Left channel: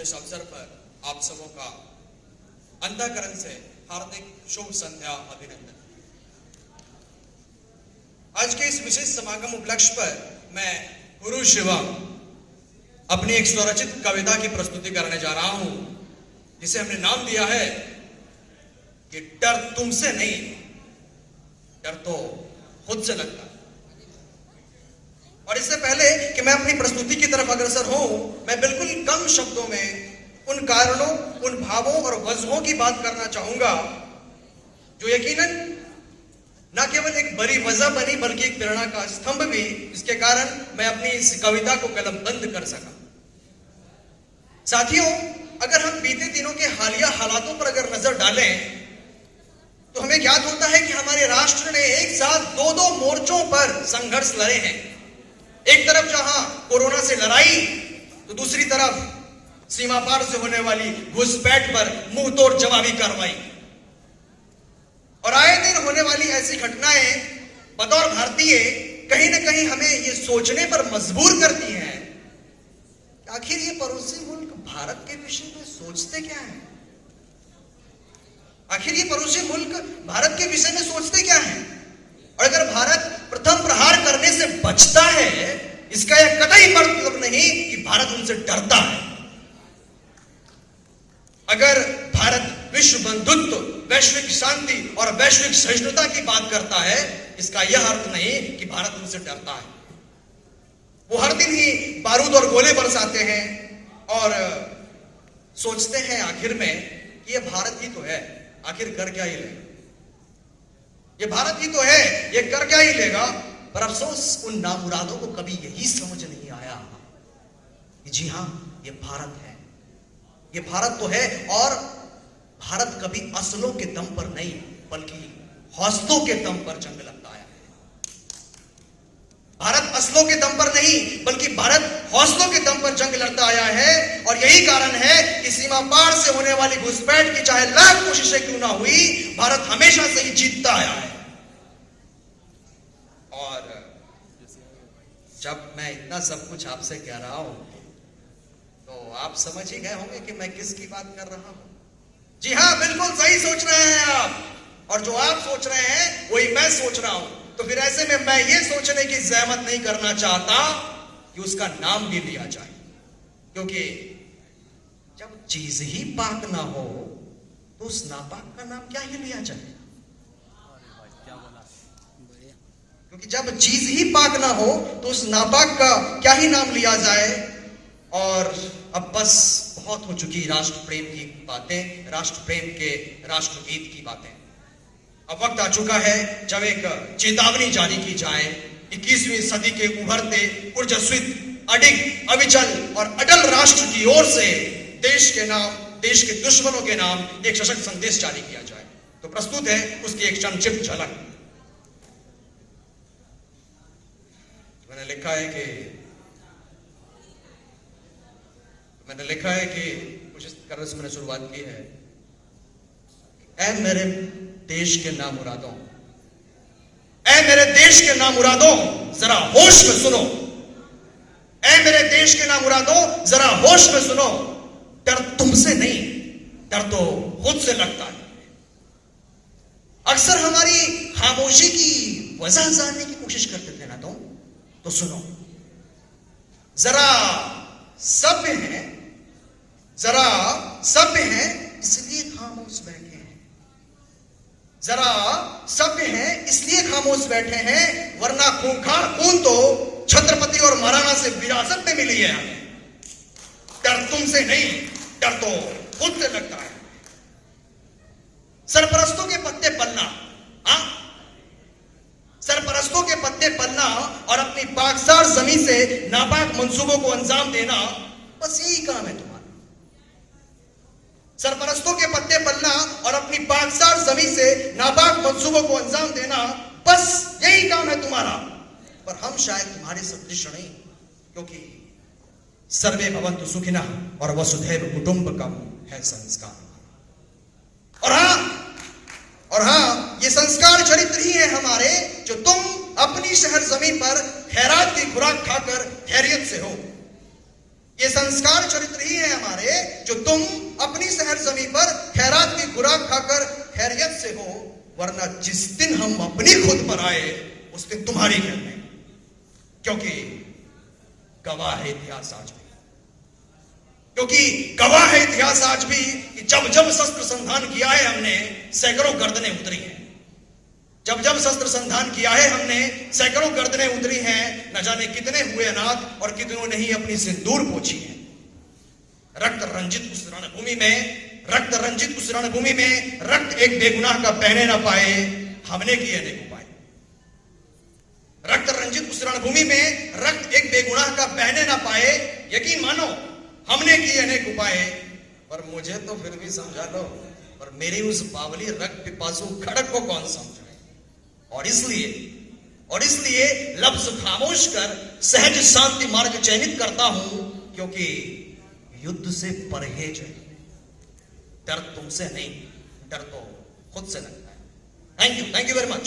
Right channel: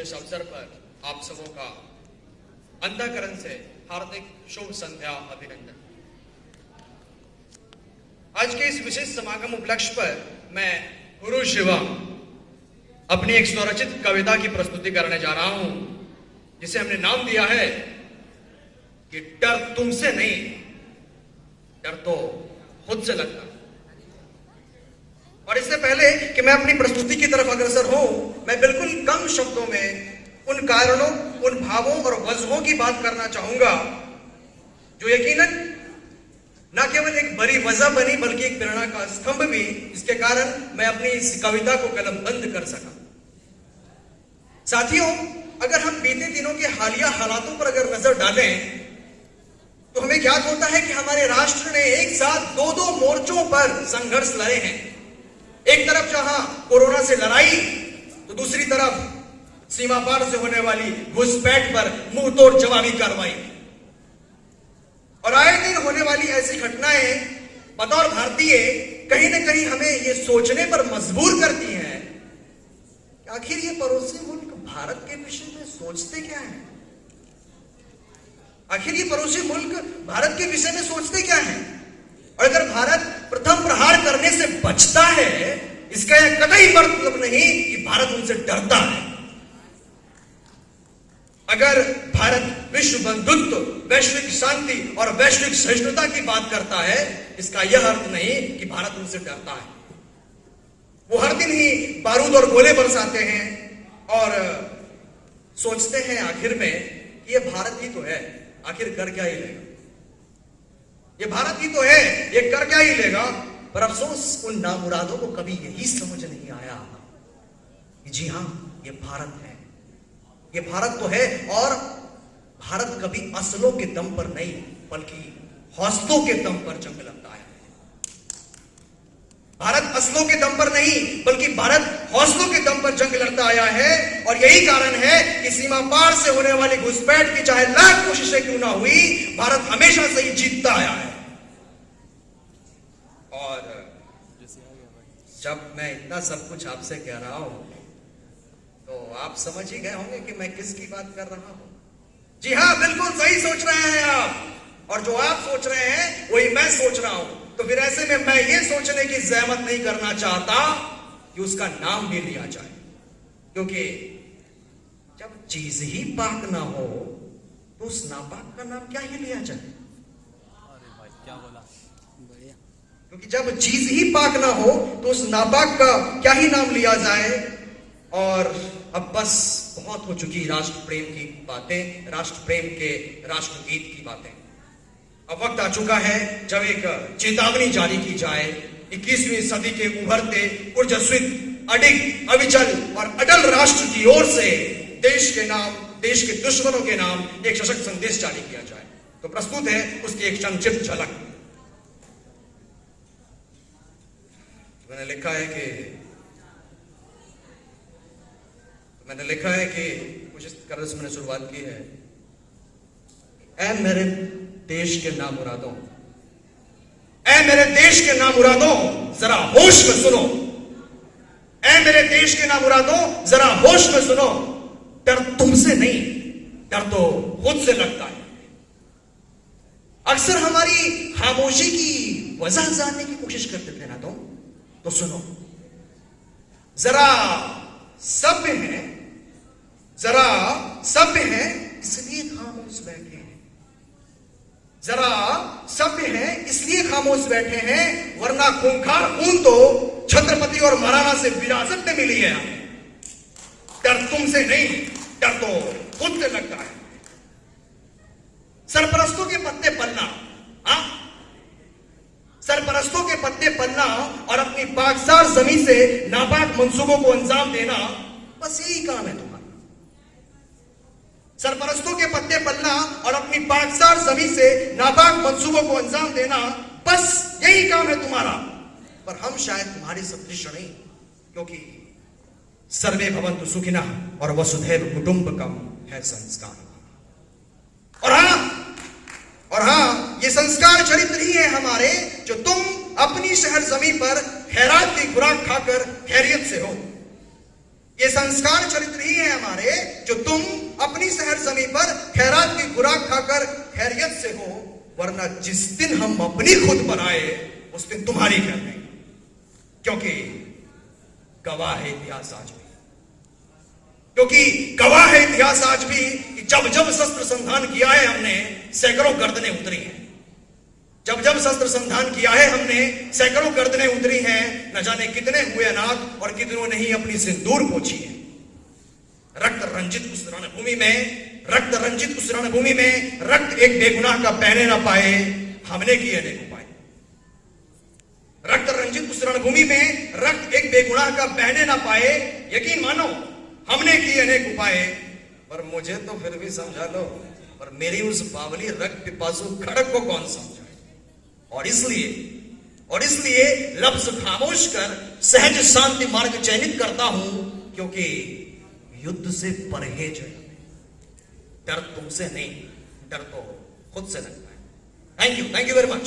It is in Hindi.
विशेष अवसर पर आप सबों का अंतःकरण से हार्दिक शुभ संध्या अभिनंदन। आज के इस विशेष समागम उपलक्ष्य पर मैं गुरु शिवा अपनी एक स्वरचित कविता की प्रस्तुति करने जा रहा हूं, जिसे हमने नाम दिया है कि डर तुमसे नहीं, डर तो खुद से लगता है। और इससे पहले कि मैं अपनी प्रस्तुति की तरफ अग्रसर हूं, मैं बिल्कुल कम शब्दों में उन कारणों, उन भावों और वजहों की बात करना चाहूंगा जो यकीनन न केवल एक बड़ी वजह बनी बल्कि एक प्रेरणा का स्तंभ भी, इसके कारण मैं अपनी इस कविता को कलमबंद कर सका। साथियों, अगर हम बीते दिनों के हालिया हालातों पर अगर नजर डालें तो हमें ज्ञात होता है कि हमारे राष्ट्र ने एक साथ दो मोर्चों पर संघर्ष लड़े हैं। एक तरफ जहां कोरोना से लड़ाई, तो दूसरी तरफ सीमा पार से होने वाली घुसपैठ पर मुंह तोड़ जवाबी कार्रवाई। और आए दिन होने वाली ऐसी घटनाएं बतौर भारतीय कहीं न कहीं हमें यह सोचने पर मजबूर करती हैं कि आखिर ये पड़ोसी मुल्क भारत के विषय में सोचते क्या है। आखिर ये पड़ोसी मुल्क भारत के विषय में सोचते क्या है। और अगर भारत प्रथम प्रहार करने से बचता है, इसका यह कतई मतलब नहीं कि भारत उनसे डरता है। अगर भारत विश्व बंधुत्व, वैश्विक शांति और वैश्विक सहिष्णुता की बात करता है, इसका यह अर्थ नहीं कि भारत उनसे डरता है। वो हर दिन ही बारूद और गोले बरसाते हैं और सोचते हैं आखिर में कि यह भारत ही तो है, आखिर कर क्या ही लेगा। ये भारत ही तो है, ये कर क्या ही लेगा। पर अफसोस उन नामुरादों को कभी यही समझ नहीं आया कि जी हां, ये भारत है, ये भारत तो है। और भारत कभी असलों के दम पर नहीं बल्कि हौसलों के दम पर जंग लड़ता है। भारत असलों के दम पर नहीं बल्कि भारत हौसलों के दम पर जंग लड़ता आया है। और यही कारण है कि सीमा पार से होने वाली घुसपैठ की चाहे लाख कोशिशें क्यों ना हुई, भारत हमेशा से ही जीतता आया है। और जब मैं इतना सब कुछ आपसे कह रहा हूं तो आप समझ ही गए होंगे कि मैं किसकी बात कर रहा हूं। जी हां, बिल्कुल सही सोच रहे हैं आप। और जो आप सोच रहे हैं वही मैं सोच रहा हूं। तो फिर ऐसे में मैं ये सोचने की जहमत नहीं करना चाहता कि उसका नाम भी लिया जाए, क्योंकि जब चीज ही पाक ना हो तो उस नापाक का नाम क्या ही लिया जाए। क्योंकि जब चीज ही पाक ना हो तो उस नापाक का क्या ही नाम लिया जाए। और अब बस बहुत हो चुकी राष्ट्र प्रेम की बातें, राष्ट्र प्रेम के राष्ट्रगीत की बातें। अब वक्त आ चुका है जब एक चेतावनी जारी की जाए। 21वीं सदी के उभरते ऊर्जास्वित, अडिग, अविचल और अटल राष्ट्र की ओर से देश के नाम, देश के दुश्मनों के नाम एक सशक्त संदेश जारी किया जाए। तो प्रस्तुत है उसकी एक संक्षिप्त झलक। मैंने लिखा है कि कुछ इस तरह से मैंने शुरुआत की है। ऐ मेरे देश के नामुरादों, ऐ मेरे देश के नामुरादों, जरा होश में सुनो। ऐ मेरे देश के नामुरादों, जरा होश में सुनो। डर तुमसे नहीं, डर तो खुद से लगता है। अक्सर हमारी खामोशी की वजह जानने की कोशिश करते थे ना, तो सुनो। जरा सभ्य है, जरा सभ्य है इसलिए खामोश बैठे हैं। जरा सभ्य है इसलिए खामोश बैठे हैं, वरना खूंखार खून तो छत्रपति और महाराणा से विरासत में मिली है। डर तुमसे नहीं, डर तो खुद से लगता है। सरपरस्तों के पत्ते पलना, सरपरस्तों के पत्ते पलना और अपनी पाकसार जमीन से नापाक मंसूबों को अंजाम देना, बस यही काम है तुम्हारा। सरपरस्तों के पत्ते पलना और अपनी पाकसार जमीन से नापाक मंसूबों को अंजाम देना, बस यही काम है तुम्हारा। पर हम शायद तुम्हारे सदृश नहीं, क्योंकि सर्वे भवन्तु सुखिनः और वसुधैव कुटुंबकम है संस्कार। और हाँ, ये संस्कार चरित्र ही है हमारे, जो तुम अपनी शहर जमीन पर खैरात की खुराक खाकर खैरियत से हो। ये संस्कार चरित्र ही है हमारे, जो तुम अपनी शहर जमीन पर खैरात की खुराक खाकर खैरियत से हो, वरना जिस दिन हम अपनी खुद बनाए उस दिन तुम्हारी कर देंगे, क्योंकि गवाह है इतिहास आज भी, क्योंकि गवाह है इतिहास आज भी कि जब जब शस्त्र संधान किया है हमने, सैकड़ों गर्दनें उतरी हैं। जब जब शस्त्र संधान किया है हमने, सैकड़ों गर्दनें उतरी हैं। न जाने कितने हुए अनाथ और कितनों ने ही अपनी सिंदूर पोंछी है। रक्त रंजित उस रणभूमि में, रक्त रंजित उस रणभूमि में रक्त एक बेगुनाह का बहने ना पाए, हमने किए अनेक उपाय। रक्त रंजित उस रणभूमि में रक्त एक बेगुनाह का बहने ना पाए, यकीन मानो हमने किए अनेक उपाय। पर मुझे तो फिर भी समझा लो, और मेरी उस बावली रक्त पिपासु खड़क को कौन समझाए। और इसलिए लफ्ज खामोश कर सहज शांति मार्ग चयनित करता हूं, क्योंकि युद्ध से परहेज है। डर तुमसे नहीं, डर तो खुद से लगता है। Thank you very much.